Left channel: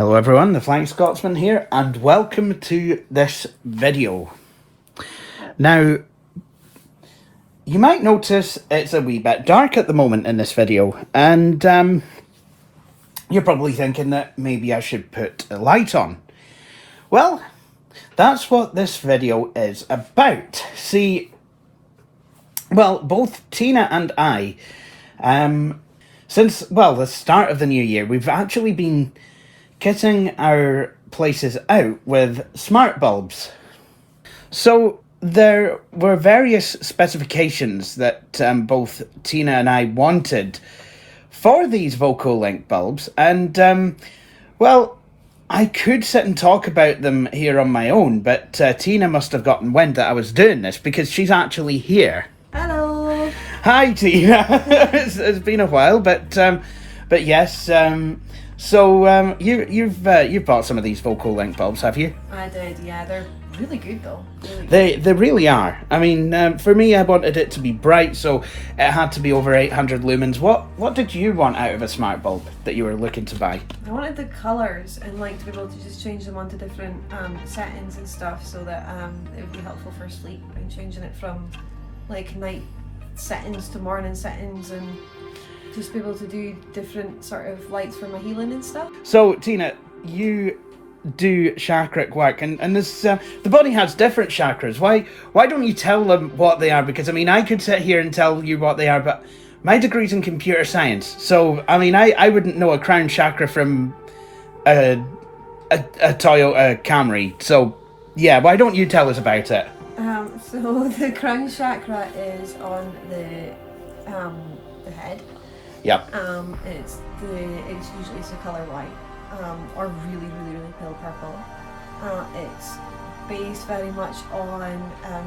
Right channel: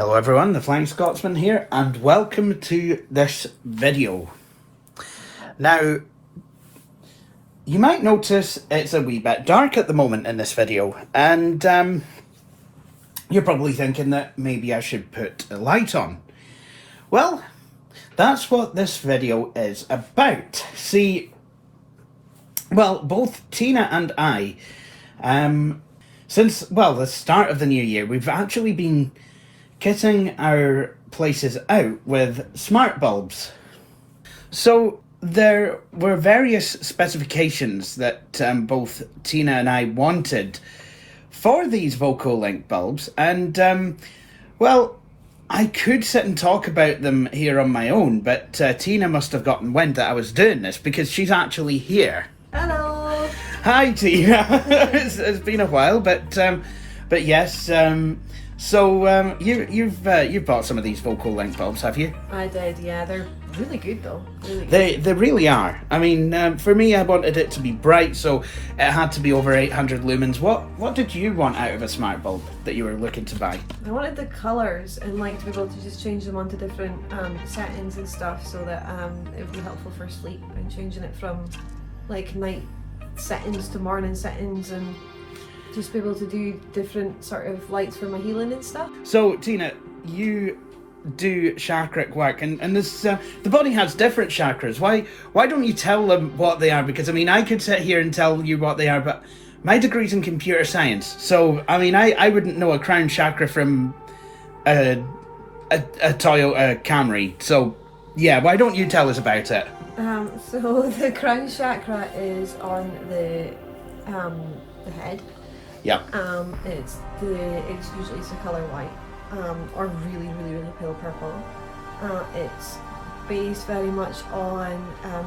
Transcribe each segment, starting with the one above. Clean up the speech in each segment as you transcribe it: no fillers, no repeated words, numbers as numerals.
Hello everyone, the Flying Scotsman here, and welcome to this video. Now, you might notice it's a wee bit dark at the moment in this video, and you're probably thinking that maybe I should put a light on. Well, that's what this video is about. See, well, both Tina and I, since, well, the start of the new year, we've actually been kitting our places out with smart bulbs. So there were various specifications that both Tina and I wanted for these VOCOlinc bulbs, and well, I could sit and talk about them here on my own, but Tina must have gotten wind that I was doing this because she's actually here. Hello. Hi Tina. It's been a while, but yes. So you've bought some of these VOCOlinc bulbs, have you? I did, yeah. They're really good though. Really They really are. I mean, for me, I wanted it to be bright, so it had to be over 800 lumens. What did you want out of a smart bulb that you were looking to buy? I wanted the colours and like to be able to just change them onto different settings and stuff, so that it would be helpful for sleep, and changing it from like night settings to morning settings, and just be able to do different sort of lights for my healing and stuff. So Tina, you do chakra work, and this the body has different chakras. Why don't you tell them what they are? Because I mean, I could sit here and tell you what they are, but my degree's in computer science, so I mean, I wouldn't know a crown chakra from a Toyota Camry. So yeah, why don't you tell us about it? So the crown chakra is on the head. Yeah. It's usually the colour white, or really pale purple. It's based very much on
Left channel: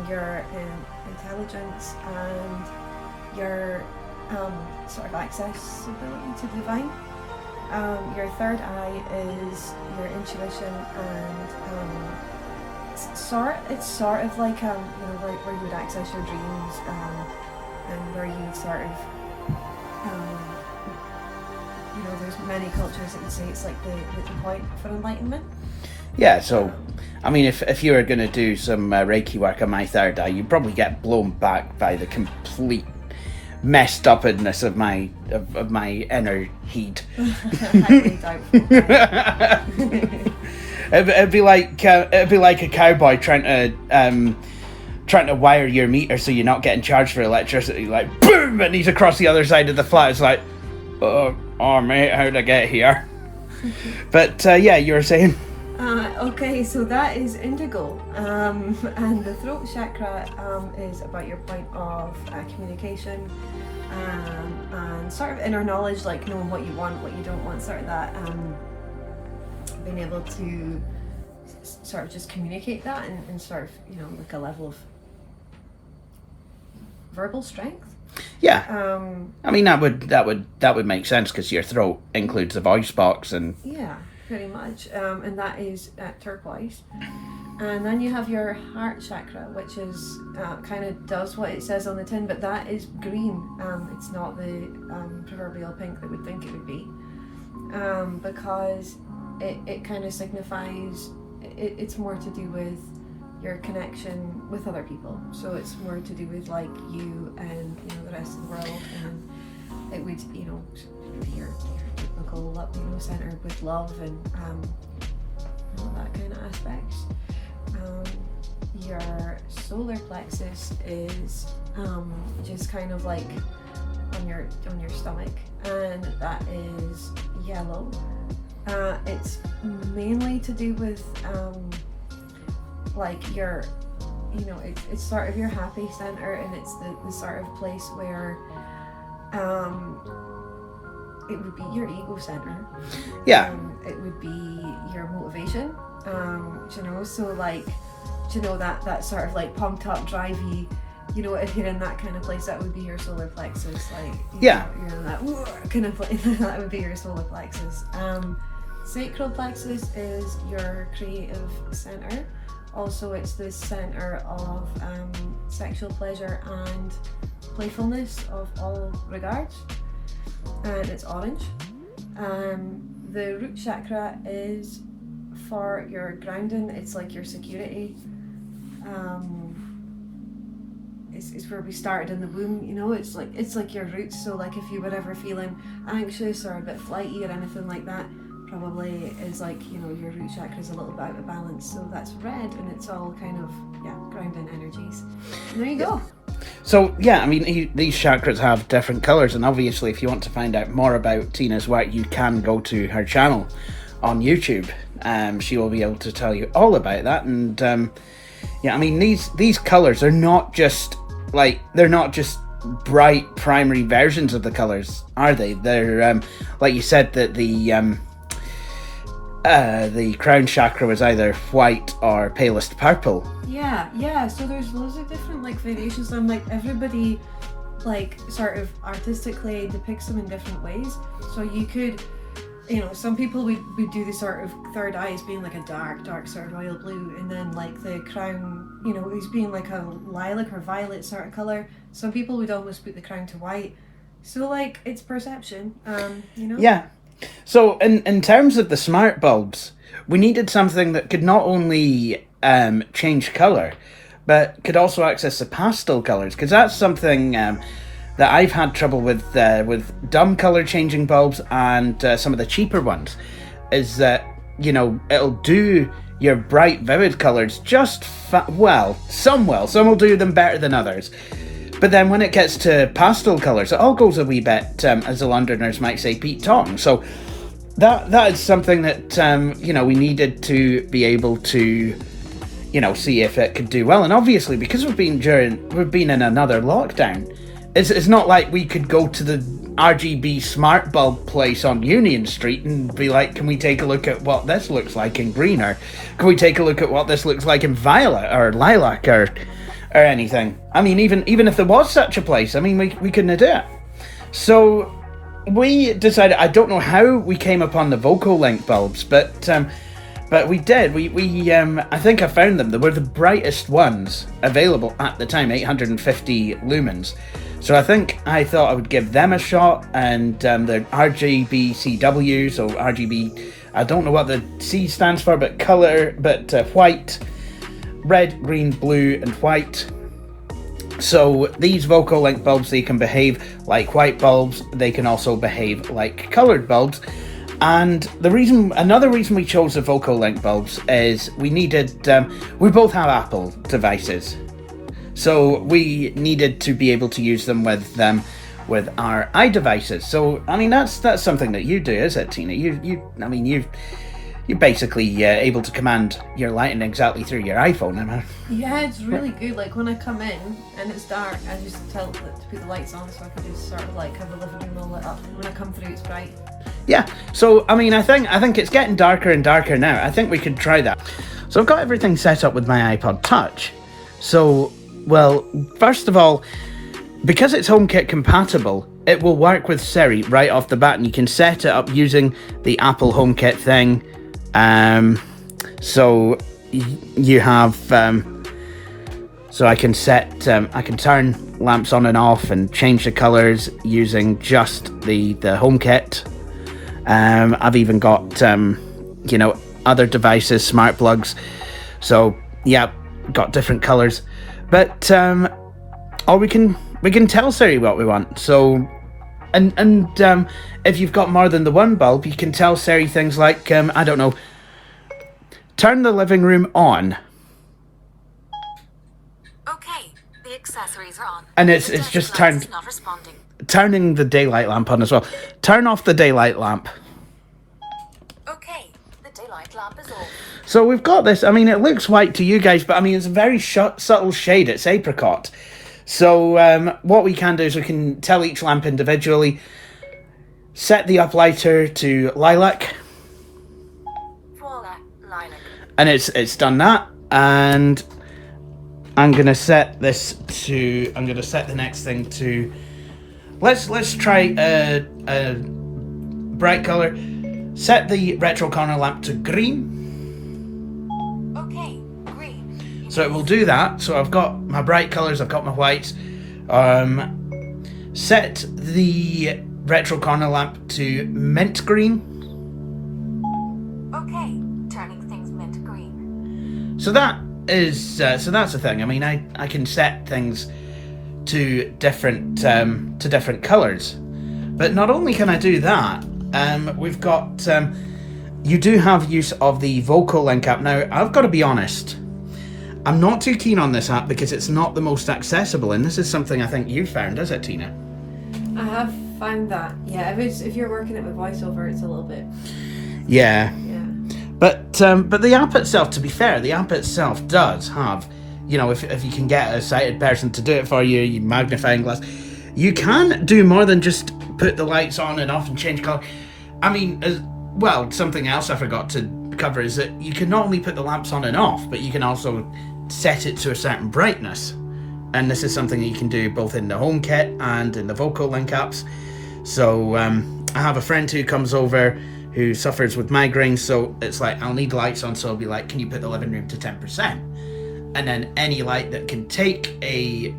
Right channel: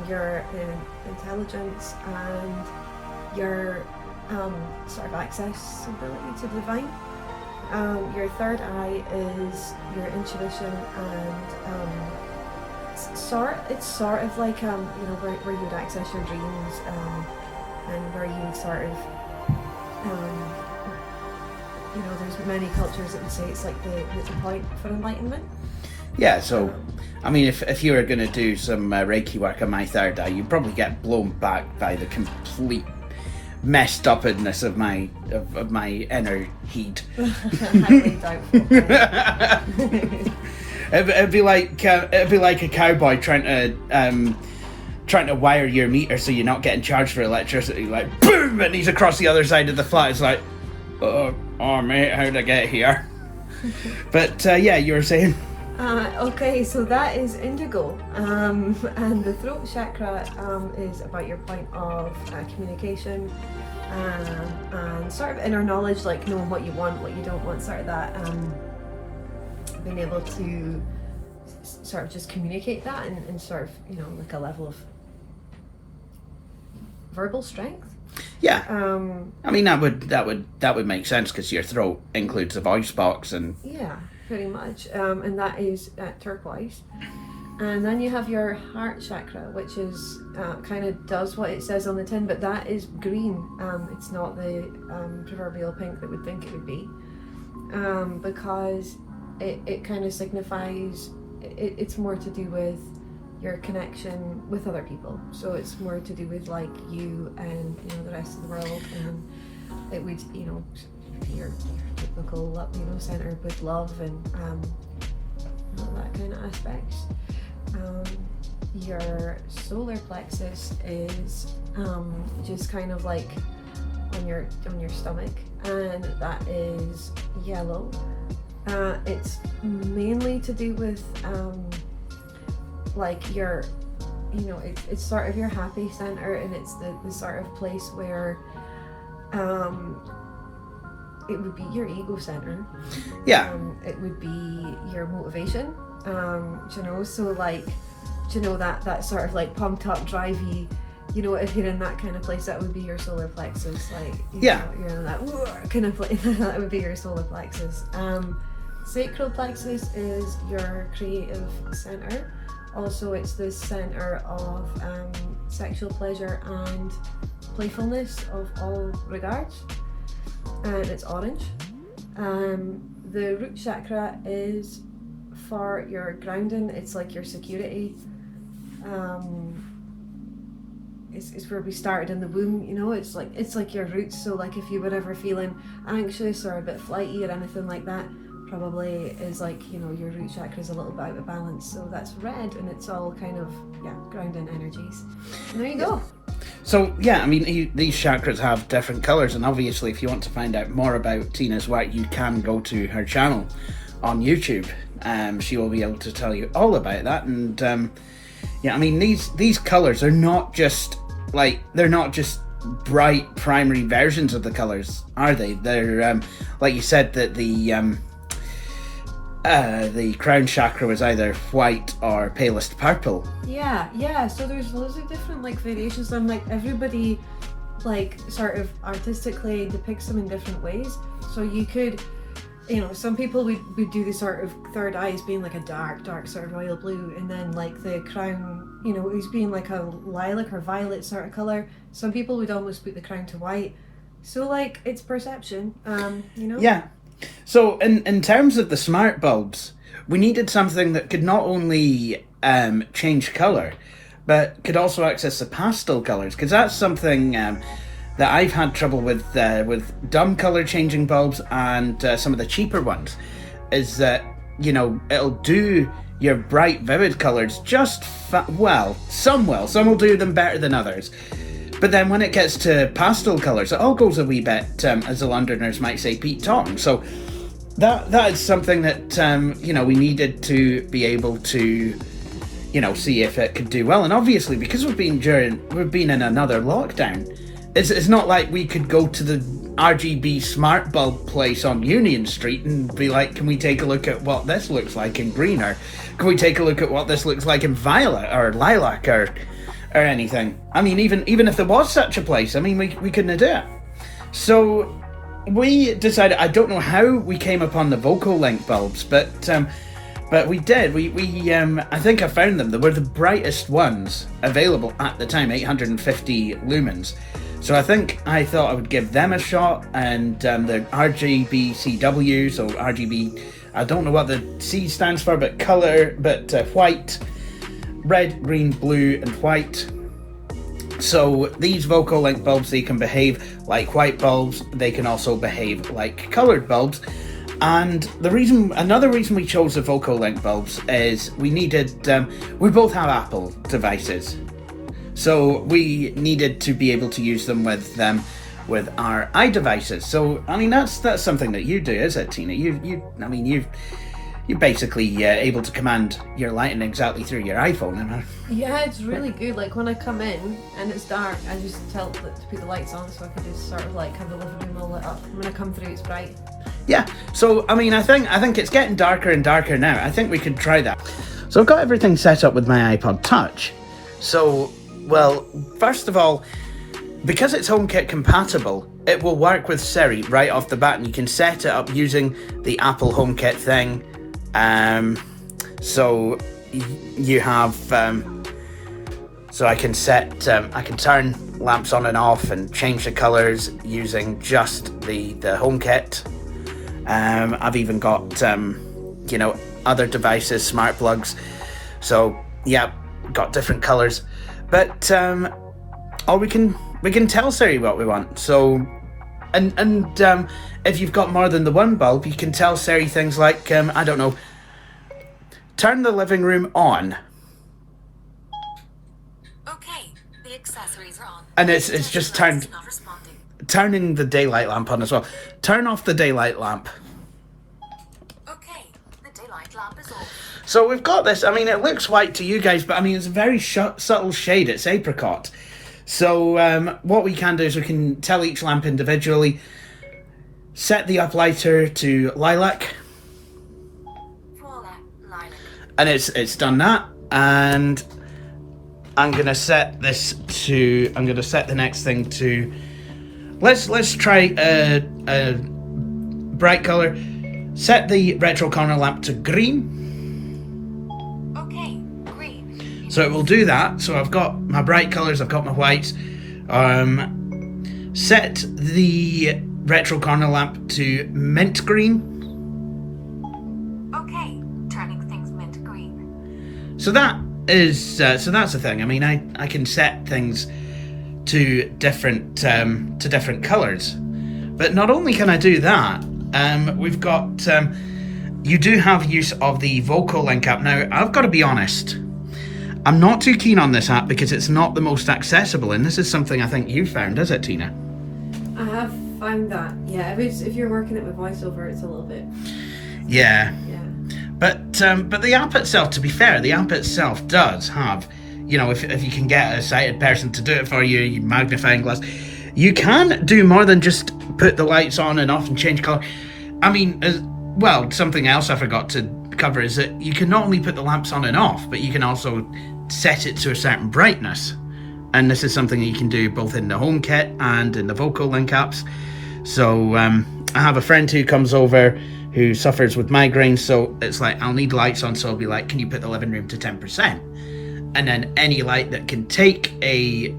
your intelligence and your sort of accessibility to the divine. Your third eye is your intuition, and it's sort of like where you would access your dreams, and where you would sort of there's many cultures that would say it's like the point for enlightenment. Yeah, so I mean, if you were going to do some Reiki work on my third eye, you'd probably get blown back by the complete messed upness of my inner heat. It'd be like a cowboy trying to wire your meter so you're not getting charged for electricity. Like boom, and he's across the other side of the flat. It's like, oh mate, how'd I get here? But yeah, you were saying. Okay, so that is indigo, and the throat chakra is about your point of communication, and sort of inner knowledge, like knowing what you want, what you don't want, sort of that, being able to sort of just communicate that and sort of like a level of verbal strength. Yeah. I mean, that would make sense because your throat includes the voice box and. Yeah, pretty much. And that is turquoise. And then you have your heart chakra, which is kind of does what it says on the tin, but that is green. It's not the proverbial pink that we'd think it would be, because it kind of signifies it's more to do with your connection with other people. So it's more to do with like you and the rest of the world, and it would your typical centered with love and all that kind of aspects. Your solar plexus is just kind of like on your stomach, and that is yellow. It's mainly to do with like your it's sort of your happy center, and it's the sort of place where it would be your ego center. Yeah. It would be your motivation. So like that sort of like pumped up, drivey, if you're in that kind of place, that would be your solar plexus. Like you're in that kind of place, that would be your solar plexus. Sacral Plexus is your creative center. Also, it's the center of sexual pleasure and playfulness of all regards. And it's orange. the root chakra is for your grounding. It's like your security. It's where we started in the womb, you know. It's like your roots. So like if you were ever feeling anxious or a bit flighty or anything like that, probably is like, you know, your root chakra is a little bit out of balance. So that's red, and it's all kind of grounding energies. And there you go. So yeah, I mean, these chakras have different colours, and obviously if you want to find out more about Tina's work, you can go to her channel on YouTube. She will be able to tell you all about that. And I mean, these colours are not just bright primary versions of the colours, are they? They're like you said, that the crown chakra was either white or palest purple. Yeah. So there's loads of different like variations, and like everybody like sort of artistically depicts them in different ways. So you could, you know, some people would do the sort of third eye as being like a dark sort of royal blue, and then like the crown, you know, as being like a lilac or violet sort of colour. Some people would almost put the crown to white. So like it's perception, you know. Yeah. So in terms of the smart bulbs, we needed something that could not only change colour, but could also access the pastel colours, because that's something that I've had trouble with dumb colour changing bulbs and some of the cheaper ones, is that, you know, it'll do your bright vivid colours just well. Some will do them better than others. But then when it gets to pastel colours, it all goes a wee bit, as the Londoners might say, Pete Tong. So that is something that, you know, we needed to be able to, you know, see if it could do well. And obviously, because we've been in another lockdown, it's not like we could go to the RGB smart bulb place on Union Street and be like, can we take a look at what this looks like in green, or can we take a look at what this looks like in violet or lilac or anything. I mean, even if there was such a place, I mean, we couldn't do it. So we decided, I don't know how we came upon the VOCOlinc bulbs, but we did. We I think I found them. They were the brightest ones available at the time, 850 lumens. So I thought I would give them a shot, and the RGB CWs, or RGB, I don't know what the C stands for, but color, but white, red, green, blue, and white. So these VOCOlinc bulbs, they can behave like white bulbs. They can also behave like coloured bulbs. And another reason we chose the VOCOlinc bulbs is we needed, we both have Apple devices. So we needed to be able to use them with our iDevices. So I mean, that's something that you do, is it, Tina? You're basically able to command your lighting exactly through your iPhone. Yeah, it's really good. Like when I come in and it's dark, I just tell it to put the lights on, so I can just sort of like have the living room all lit up. And when I come through, it's bright. Yeah. So I mean, I think it's getting darker and darker now. I think we could try that. So I've got everything set up with my iPod Touch. So, well, first of all, because it's HomeKit compatible, it will work with Siri right off the bat, and you can set it up using the Apple HomeKit thing. So you have, so I can turn lamps on and off and change the colors using just the HomeKit. I've even got, you know, other devices, smart plugs. So yeah, got different colors, but, or we can tell Siri what we want. So, and if you've got more than the one bulb, you can tell Siri things like, I don't know, turn the living room on. Okay, the accessories are on. And it's just turning the daylight lamp on as well. Turn off the daylight lamp. Okay, the daylight lamp is off. So we've got this. I mean, it looks white to you guys, but I mean, it's a very subtle shade. It's apricot. So what we can do is we can tell each lamp individually. Set the uplighter to lilac. Voila, lilac. And it's done that. And I'm gonna set the next thing to, let's try a bright color. Set the retro corner lamp to green. Okay, green. So it will do that. So I've got my bright colors, I've got my whites. Set the retro corner lamp to mint green. So that is so that's the thing. I mean, I can set things to different colours, but not only can I do that, we've got you do have use of the VOCOlinc app. Now, I've got to be honest, I'm not too keen on this app because it's not the most accessible, and this is something I think you found, is it, Tina? I have found that. Yeah, if you're working it with voiceover, it's a little bit. Yeah. Yeah. But the app itself, to be fair, the app itself does have, you know, if you can get a sighted person to do it for you, you magnifying glass, you can do more than just put the lights on and off and change colour. I mean, well, something else I forgot to cover is that you can not only put the lamps on and off, but you can also set it to a certain brightness. And this is something that you can do both in the HomeKit and in the VOCOlinc apps. So I have a friend who comes over who suffers with migraines, so it's like, I'll need lights on, so I'll be like, can you put the living room to 10%? And then any light that can take a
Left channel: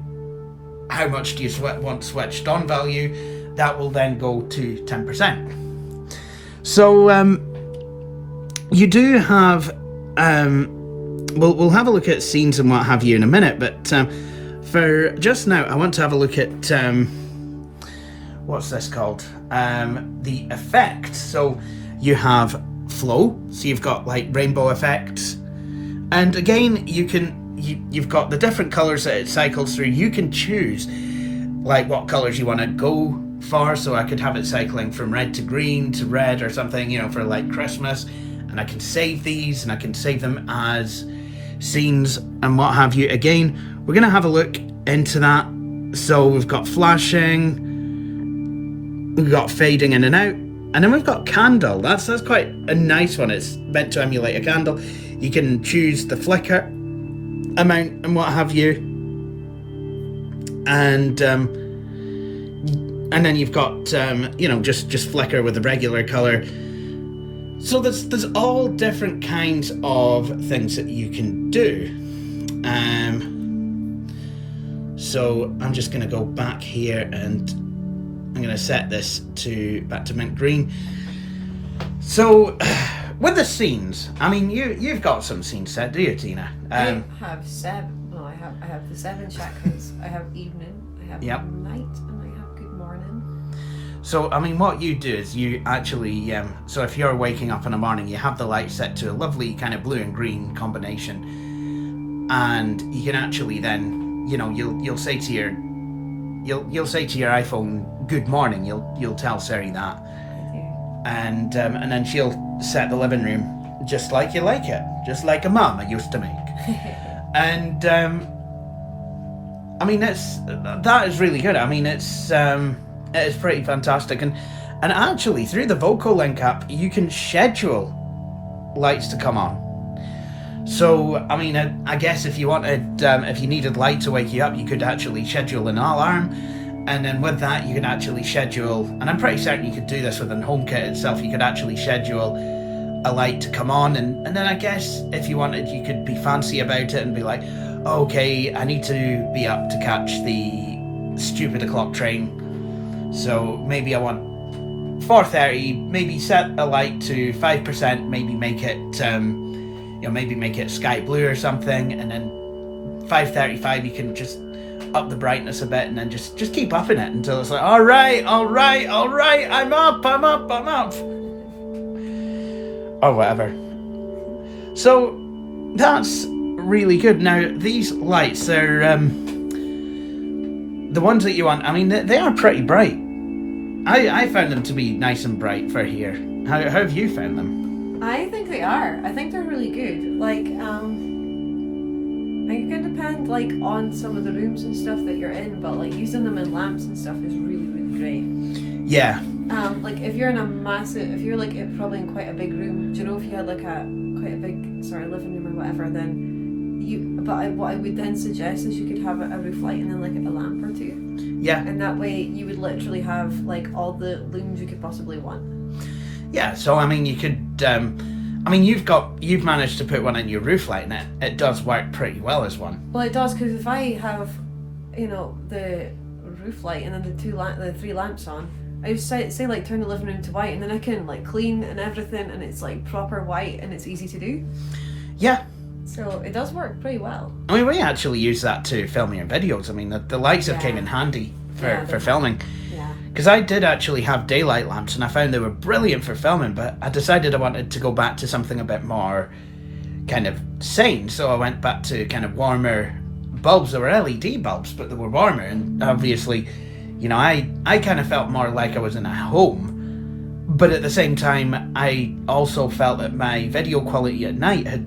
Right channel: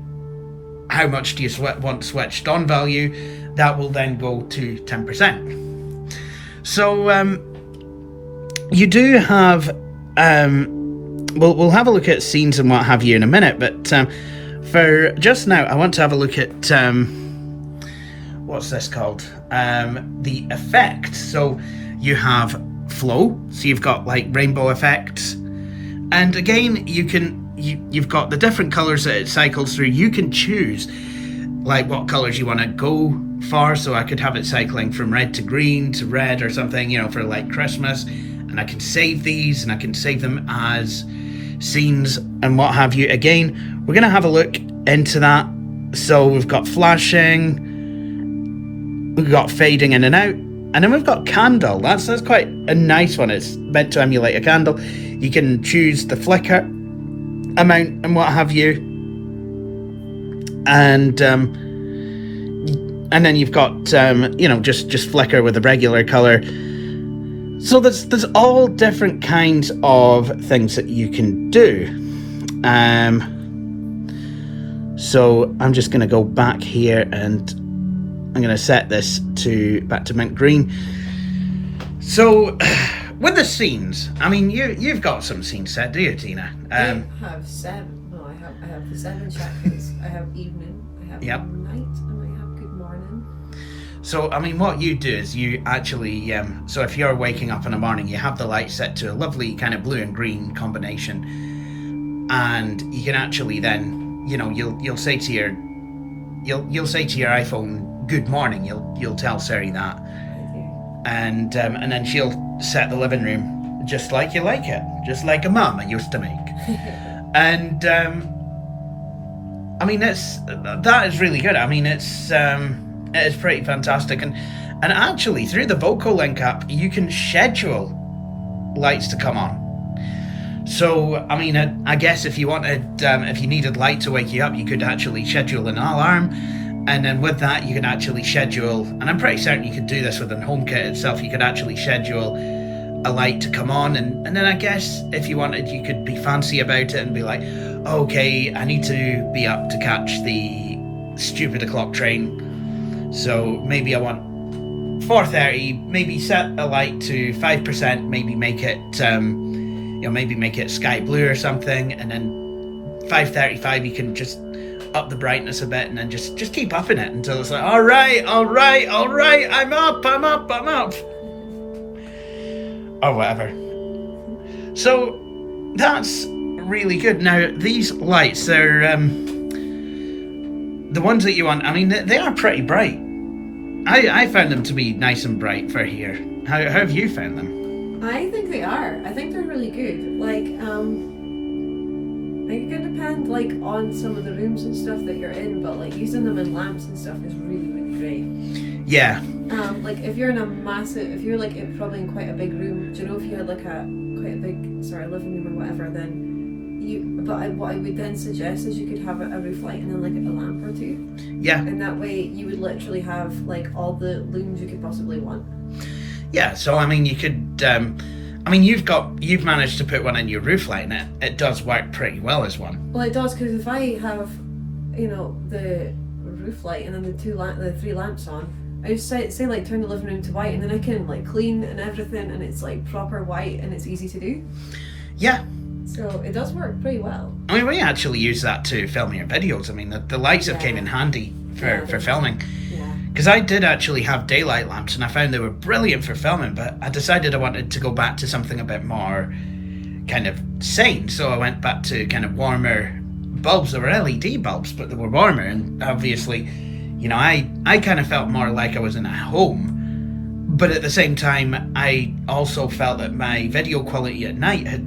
how much do you want switched on value, that will then go to 10%. So you do have, we'll have a look at scenes and what have you in a minute, but for just now, I want to have a look at, what's this called? The effects. So you have flow, so you've got like rainbow effects, and again you've got the different colors that it cycles through. You can choose like what colors you want to go for, so I could have it cycling from red to green to red or something, you know, for like Christmas, and I can save these and I can save them as scenes and what have you. Again, we're gonna have a look into that. So we've got flashing, we've got fading in and out, and then we've got candle. That's quite a nice one. It's meant to emulate a candle. You can choose the flicker amount and what have you, and then you've got you know, just flicker with a regular color. So there's all different kinds of things that you can do. So I'm just going to go back here and I'm going to set this back to mint green. So with the scenes, I mean, you've got some scenes set, do you, Tina? I have 7. No, I have the 7 chakras. I have evening, I have night, and I have good morning. So, I mean, what you do is you actually, so if you're waking up in the morning, you have the light set to a lovely kind of blue and green combination, and you can actually then, you know, you'll say to your iPhone, "Good morning." You'll tell Siri that, and then she'll set the living room just like you like it, just like a mama used to make. And I mean, that is really good. I mean, it is pretty fantastic, and actually through the VOCOlinc app you can schedule lights to come on. So I mean, I guess if you wanted, if you needed light to wake you up, you could actually schedule an alarm, and then with that you can actually schedule, and I'm pretty certain you could do this within HomeKit itself, you could actually schedule a light to come on, and then I guess if you wanted, you could be fancy about it and be like, okay, I need to be up to catch the stupid o'clock train, so maybe I want 4:30, maybe set a light to 5%, maybe make it maybe make it sky blue or something, and then 5:35 you can just up the brightness a bit, and then just keep upping it until it's like, all right, I'm up, or whatever. So that's really good. Now these lights, they're the ones that you want, I mean, they are pretty bright. I found them to be nice and bright for here. How have you found them? I think they are. I think they're really good. Like, it could depend, like, on some of the rooms and stuff that you're in, but like using them in lamps and stuff is really, really great. Yeah. Like if you're in a massive, if you're like probably in quite a big room, do you know, if you had like quite a big living room or whatever, then what I would then suggest is you could have a roof light and then like a lamp or two. Yeah. And that way you would literally have like all the looms you could possibly want. Yeah, so I mean, you could, I mean, you've managed to put one in your roof light, and it does work pretty well as one. Well, it does, because if I have, you know, the roof light and then the 3 lamps on, I just say like turn the living room to white, and then I can like clean and everything, and it's like proper white and it's easy to do. Yeah, So it does work pretty well. I mean, we actually use that to film your videos. I mean, the lights have came in handy for filming. Yeah. Because I did actually have daylight lamps, and I found they were brilliant for filming, but I decided I wanted to go back to something a bit more kind of sane, so I went back to kind of warmer bulbs. They were LED bulbs, but they were warmer, and obviously, you know, I kind of felt more like I was in a home, but at the same time, I also felt that my video quality at night had,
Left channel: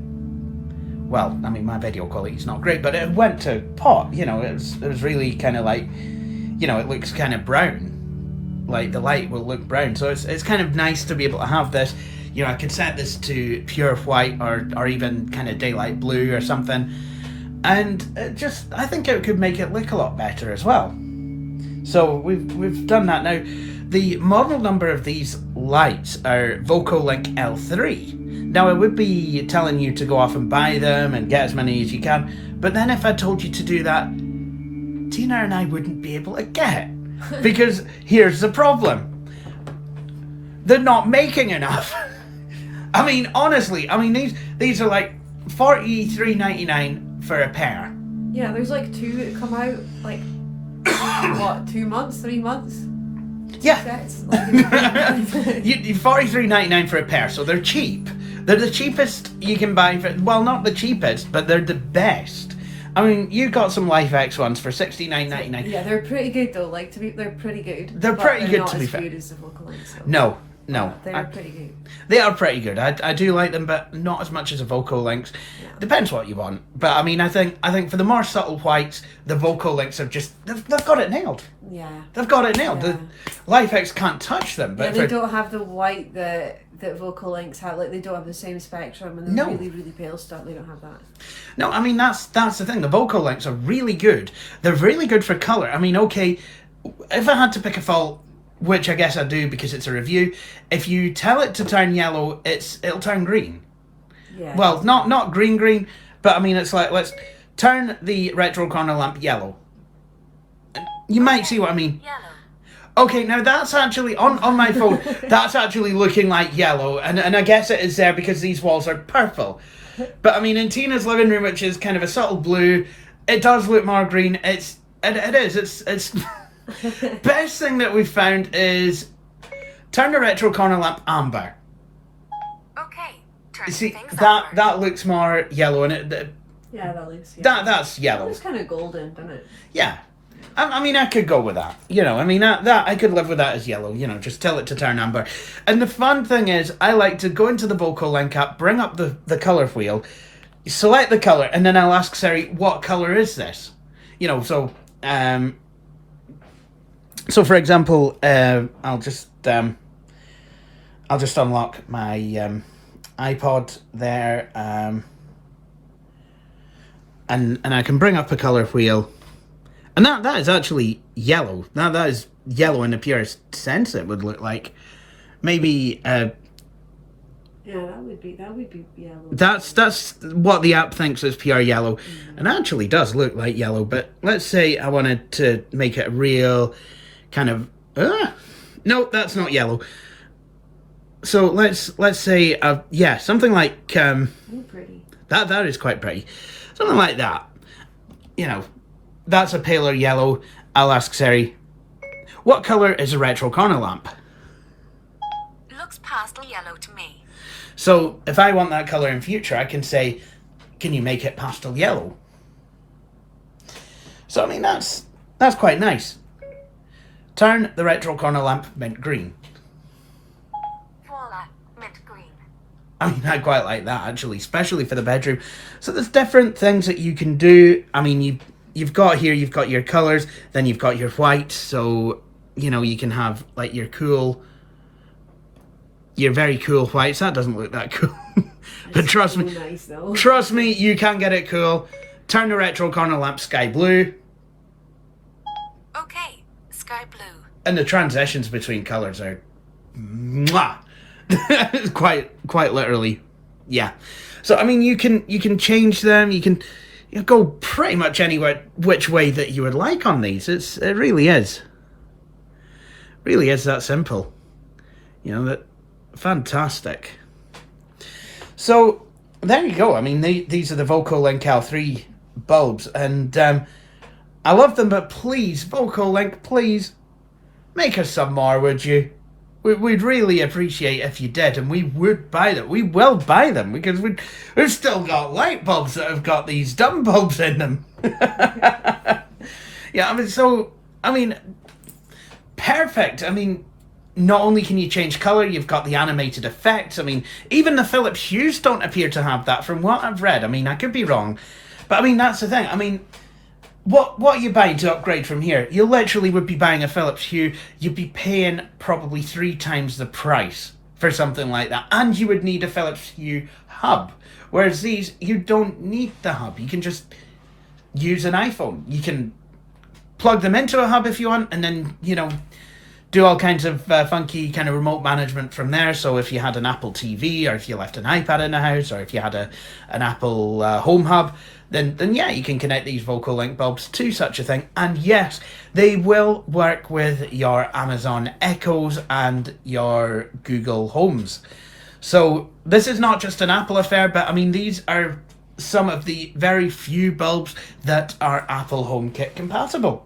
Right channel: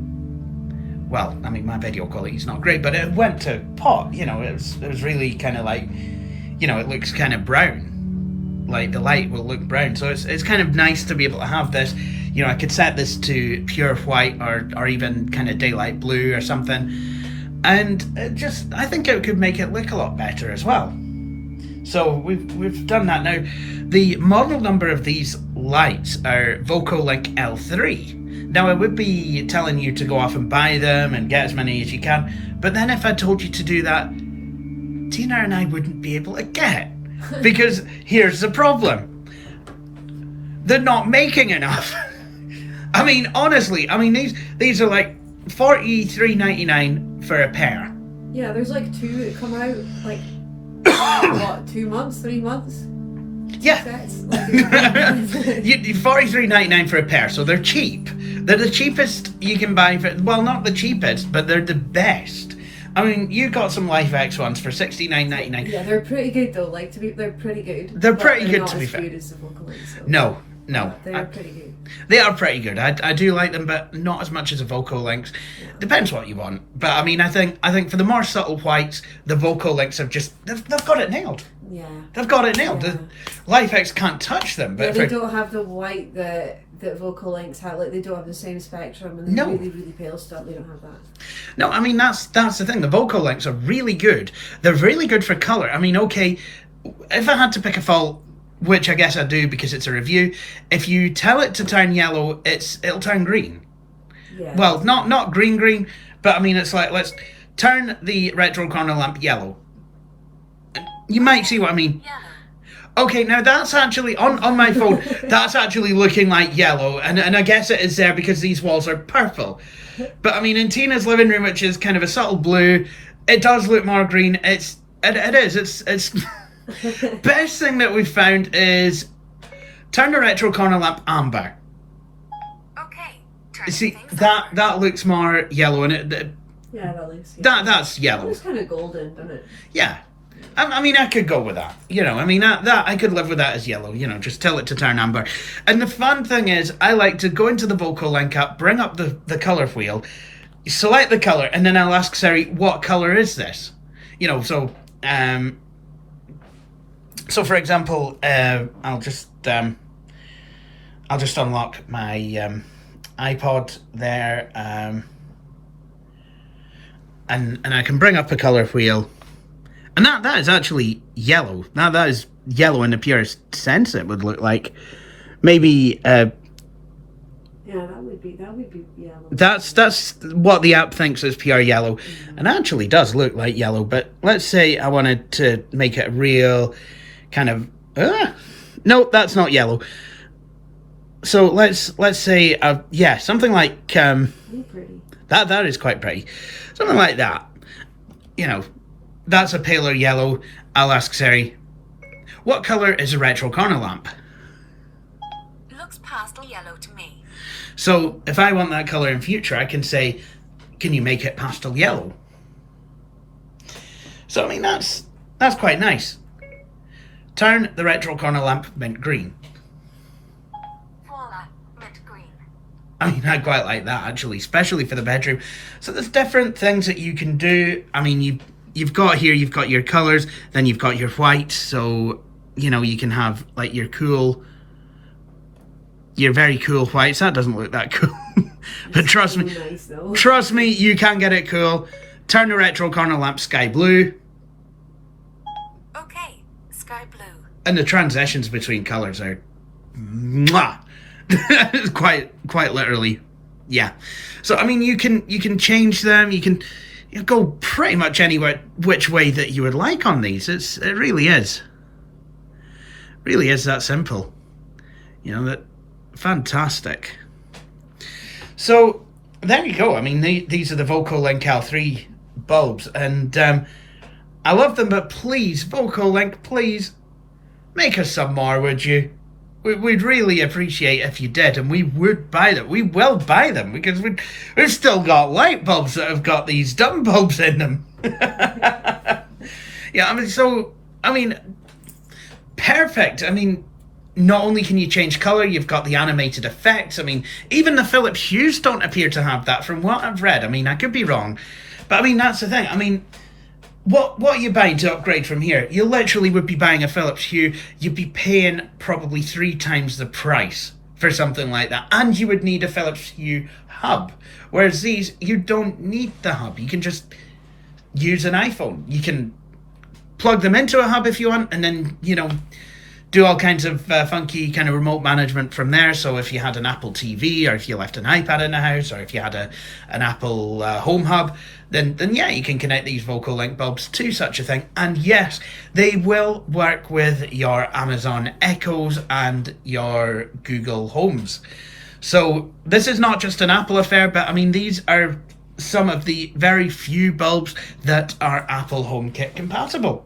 well, I mean, my video quality is not great, but it went to pot, you know, it was really kind of like, you know, it looks kind of brown. Like the light will look brown, so it's kind of nice to be able to have this. You know, I could set this to pure white or even kind of daylight blue or something, and I think it could make it look a lot better as well. So we've done that. Now, the model number of these lights are VOCOlinc L3. Now, I would be telling you to go off and buy them and get as many as you can, but then if I told you to do that, Tina and I wouldn't be able to get. Because here's the problem. They're not making enough. I mean, honestly, I mean, these are like $43.99 for a pair. Yeah, there's like two that come out like what, 2 months, 3 months? Yeah. Sets? Like, $43.99 for a pair, so they're cheap. They're the cheapest you can buy for, well, not the cheapest, but they're the best. I mean, you got some LifeX ones for $69.99. Yeah, they're pretty good though. Like they're pretty good. They're pretty good not to be as fair. good as the VOCOlinc. So. No. They're pretty good. They are pretty good. I do like them, but not as much as the VOCOlincs. Yeah. Depends what you want. But I mean, I think for the more subtle whites, the VOCOlincs have just they've got it nailed. Yeah. They've got it nailed. Yeah. The LifeX can't touch them. But they don't have the white that VOCOlincs have. Like they don't have the same spectrum, and the really, really pale stuff. They don't have that. No, I mean that's the thing. The VOCOlincs are really good. They're really good for color. I mean, okay, if I had to pick a fault, which I guess I do because it's a review, if you tell it to turn yellow, it'll turn green. Yeah. Well, not green, but I mean it's like, let's turn the retro corner lamp yellow. You might see what I mean. Yellow. Okay, now that's actually on my phone. That's actually looking like yellow, and I guess it is there because these walls are purple. But I mean, in Tina's living room, which is kind of a subtle blue, it does look more green. It's best thing that we've found is turn the retro corner lamp amber. Okay. See that looks more yellow, and yeah, that looks. Yeah. That's yellow. It looks kind of golden, doesn't it? Yeah. I mean, I could go with that. You know, I mean, that I could live with that as yellow. You know, just tell it to turn amber. And the fun thing is, I like to go into the VOCOlinc app, bring up the color wheel, select the color, and then I'll ask Siri, what color is this? You know, so for example, I'll just unlock my iPod there, and I can bring up a color wheel. And that is actually yellow. Now that is yellow in the purest sense. It would look like maybe. Yeah, that would be yellow. That's what the app thinks is pure yellow, and actually does look like yellow. But let's say I wanted to make it a real kind of. No, that's not yellow. So let's say something like pretty. That is quite pretty, something like that. You know. That's a paler yellow. I'll ask Siri, what colour is a retro corner lamp? Looks pastel yellow to me. So if I want that colour in future, I can say, can you make it pastel yellow? So I mean, that's quite nice. Turn the retro corner lamp mint green. Voila, mint green. I mean, I quite like that actually, especially for the bedroom. So there's different things that you can do. I mean, you've got your colours, then you've got your white, so, you know, you can have, like, your very cool whites. That doesn't look that cool. But trust me, nice, you can get it cool. Turn the retro corner lamp sky blue. Okay, sky blue. And the transitions between colours are... mwah! quite literally, yeah. So, I mean, you can change them, you can... You go pretty much anywhere, which way that you would like on these. It really is. Really is that simple. You know, that fantastic. So, there you go. I mean, these are the VOCOlinc L3 bulbs, and I love them, but please, VOCOlinc, please, make us some more, would you? We'd really appreciate if you did, and we would buy them. We will buy them, because we've still got light bulbs that have got these dumb bulbs in them. Yeah, I mean, perfect. I mean, not only can you change colour, you've got the animated effects. I mean, even the Philips Hues don't appear to have that from what I've read. I mean, I could be wrong. But I mean, that's the thing. I mean, what are you buying to upgrade from here? You literally would be buying a Philips Hue. You'd be paying probably 3 times the price for something like that. And you would need a Philips Hue hub. Whereas these, you don't need the hub. You can just use an iPhone. You can plug them into a hub if you want, and then, you know, do all kinds of funky kind of remote management from there. So if you had an Apple TV, or if you left an iPad in the house, or if you had an Apple home hub, then yeah, you can connect these VOCOlinc bulbs to such a thing. And yes, they will work with your Amazon Echoes and your Google Homes. So this is not just an Apple affair, but I mean, these are some of the very few bulbs that are Apple HomeKit compatible.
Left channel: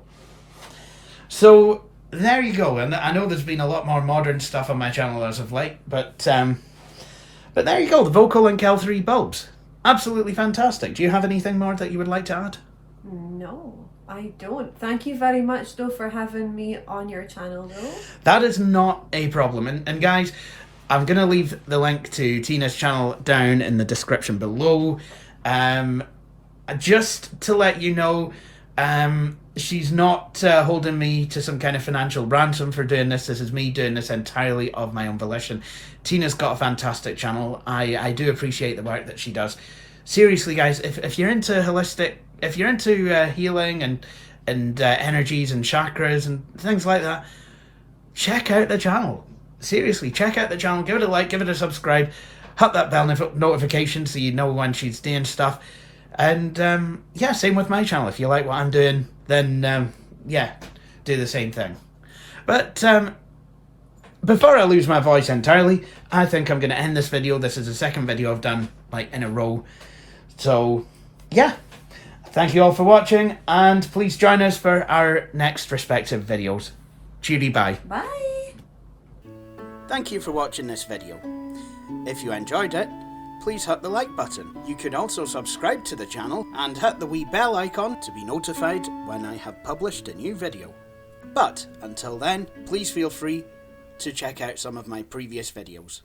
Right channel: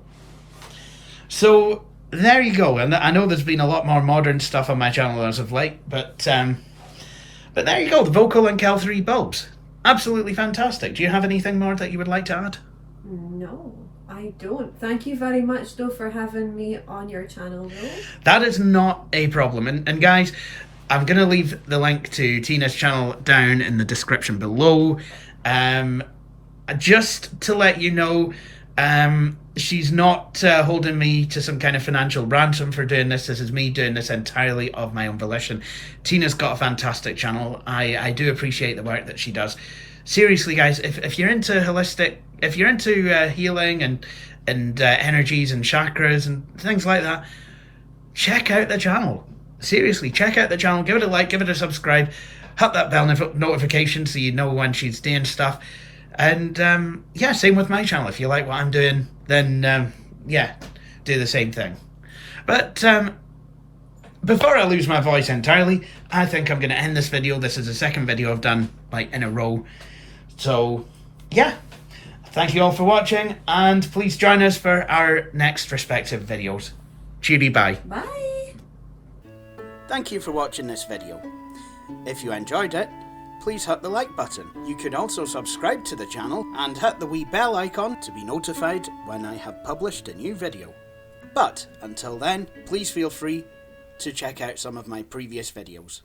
So there you go. And I know there's been a lot more modern stuff on my channel as of late, but there you go, the VOCOlinc L3 bulbs. Absolutely fantastic. Do you have anything more that you would like to add? No, I don't. Thank you very much, though, for having me on your channel, though. That is not a problem. And guys, I'm going to leave the link to Tina's channel down in the description below. Just to let you know, she's not holding me to some kind of financial ransom for doing this. This is me doing this entirely of my own volition. Tina's got a fantastic channel. I do appreciate the work that she does. Seriously, guys, if you're into holistic, if you're into healing and energies and chakras and things like that, check out the channel. Seriously, check out the channel. Give it a like, give it a subscribe, hit that bell notification so you know when she's doing stuff. And yeah, same with my channel. If you like what I'm doing, then yeah, do the same thing. But before I lose my voice entirely, I think I'm going to end this video. This is the second video I've done like in a row. So yeah, thank you all for watching, and please join us for our next respective videos. Cheery bye. Bye. Thank you for watching this video. If you enjoyed it, please hit the like button. You can also subscribe to the channel and hit the wee bell icon to be notified when I have published a new video. But until then, please feel free to check out some of my previous videos.